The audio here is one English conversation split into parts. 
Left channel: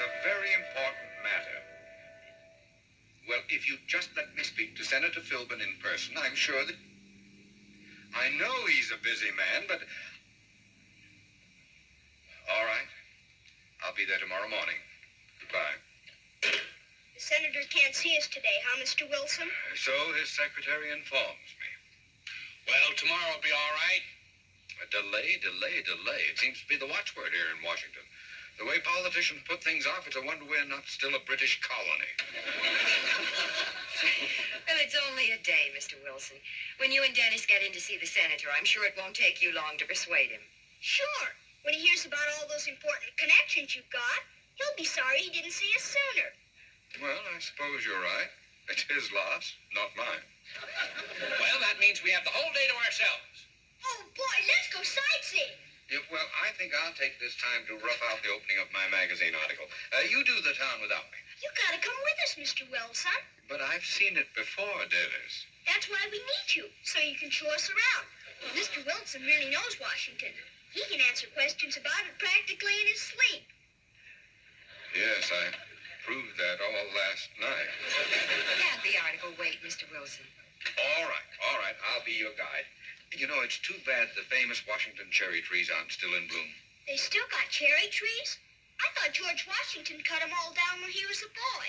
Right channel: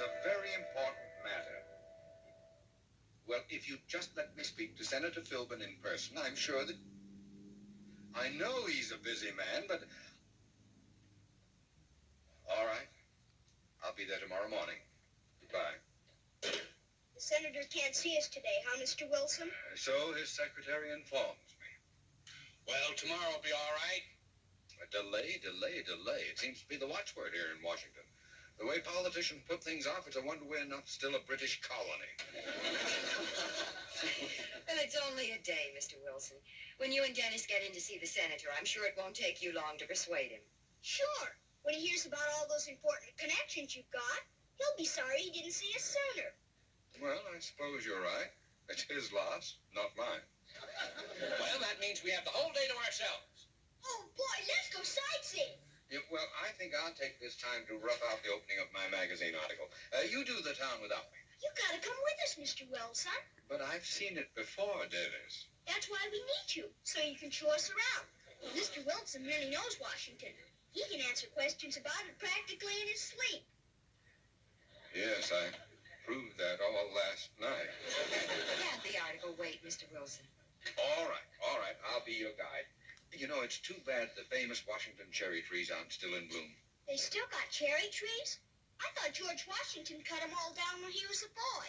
a very important matter. Well, if you just let me speak to Senator Philbin in person, I'm sure that... I know he's a busy man, but... All right. I'll be there tomorrow morning. Goodbye. The senator can't see us today, huh, Mr. Wilson? So his secretary informs me. Well, tomorrow will be all right. Delay. It seems to be the watchword here in Washington. The way politicians put things off, it's a wonder we're not still a British colony. Well, it's only a day, Mr. Wilson. When you and Dennis get in to see the senator, I'm sure it won't take you long to persuade him. Sure. When he hears about all those important connections you've got, he'll be sorry he didn't see us sooner. Well, I suppose you're right. It's his loss, not mine. Well, that means we have the whole day to ourselves. Oh, boy, let's go sightseeing. Yeah, well, I think I'll take this time to rough out the opening of my magazine article. You do the town without me. You gotta come with us, Mr. Wilson. But I've seen it before, Dennis. That's why we need you, so you can show us around. Mr. Wilson really knows Washington. He can answer questions about it practically in his sleep. Yes, I proved that all last night. Can't the article wait, Mr. Wilson? All right. I'll be your guide. You know, it's too bad the famous Washington cherry trees aren't still in bloom. They still got cherry trees? I thought George Washington cut them all down when he was a boy.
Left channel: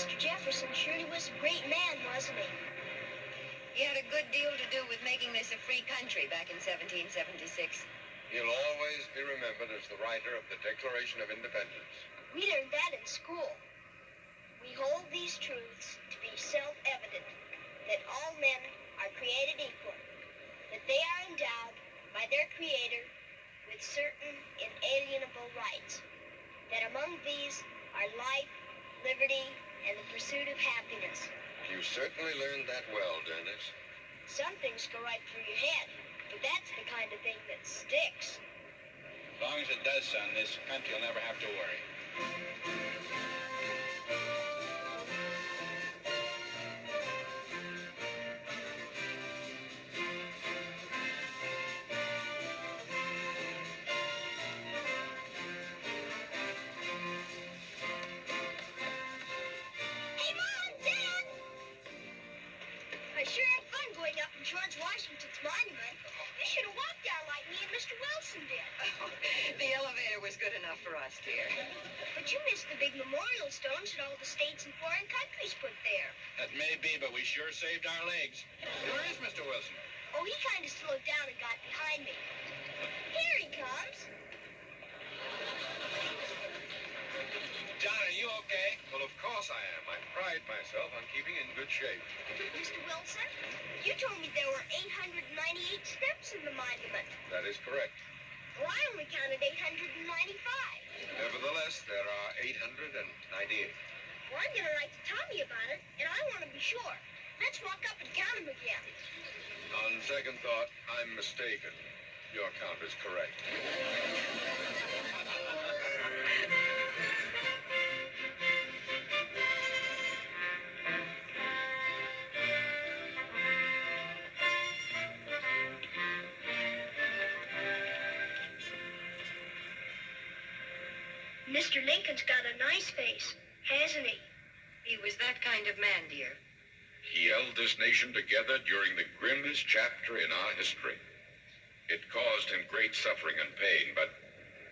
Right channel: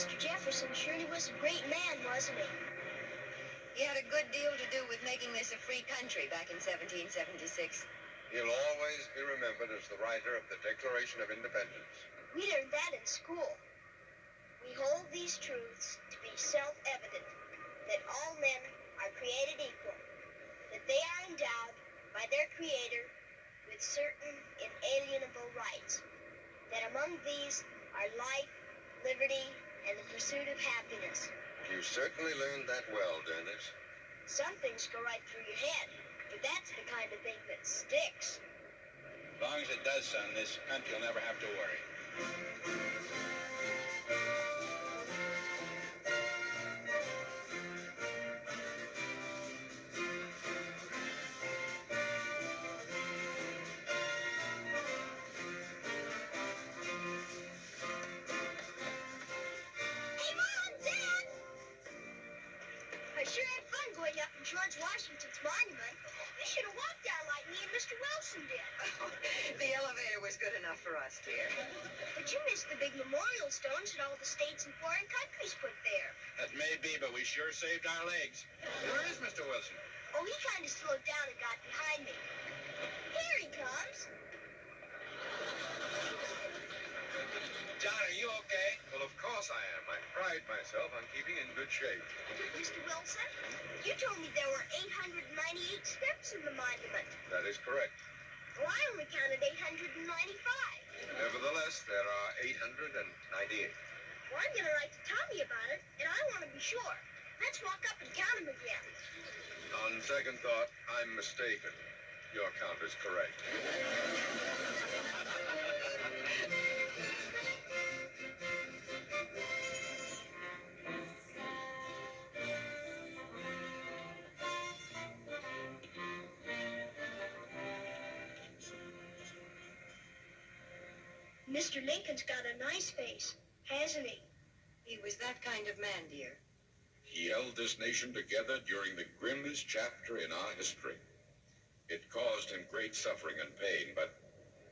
Mr. Jefferson surely was a great man, wasn't he? He had a good deal to do with making this a free country back in 1776. He'll always be remembered as the writer of the Declaration of Independence. We learned that in school. We hold these truths to be self-evident, that all men are created equal, that they are endowed by their Creator with certain inalienable rights, that among these are life, liberty, and the pursuit of happiness. You certainly learned that well, Dennis. Some things go right through your head, but that's the kind of thing that sticks. As long as it does, son, this country will never have to worry. Hey, Mom! Dad! I sure had fun going up in George Washington's monument. You should have walked down like me and Mr. Wilson did. The elevator was good enough for us, dear. But you missed the big memorial stones that all the states and foreign countries put there. That may be, but we sure saved our legs. Where is Mr. Wilson? Oh, he kind of slowed down and got behind me. Here he comes. John, are you okay? Well, of course I am. I pride myself on keeping in good shape. Mr. Wilson, you told me there were 898 steps in the monument. That is correct. Well, I only counted 895. Nevertheless, there are 898. Well, I'm going to write to Tommy about it, and I want to be sure. Let's walk up and count them again. On second thought, I'm mistaken. Your count is correct. Mr. Lincoln's got a nice face, hasn't he? He was that kind of man, dear. He held this nation together during the grimmest chapter in our history. It caused him great suffering and pain, but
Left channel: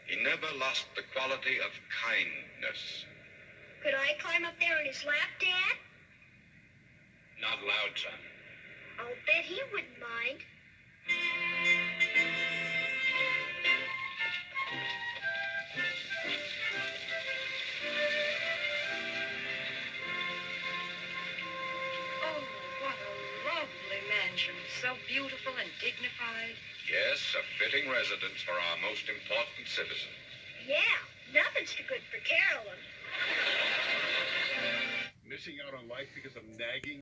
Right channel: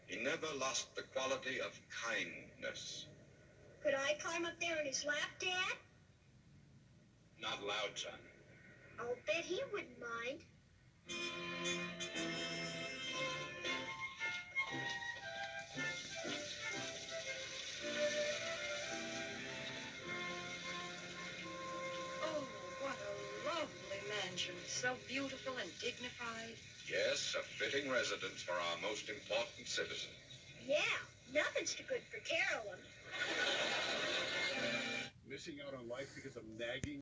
he never lost the quality of kindness. Could I climb up there in his lap, Dad? Not loud, son. I'll bet he wouldn't mind. Oh, what a lovely mansion. so beautiful and dignified. Yes, a fitting residence for our most important citizen. Yeah, nothing's too good for Carolyn. Missing out on life because of nagging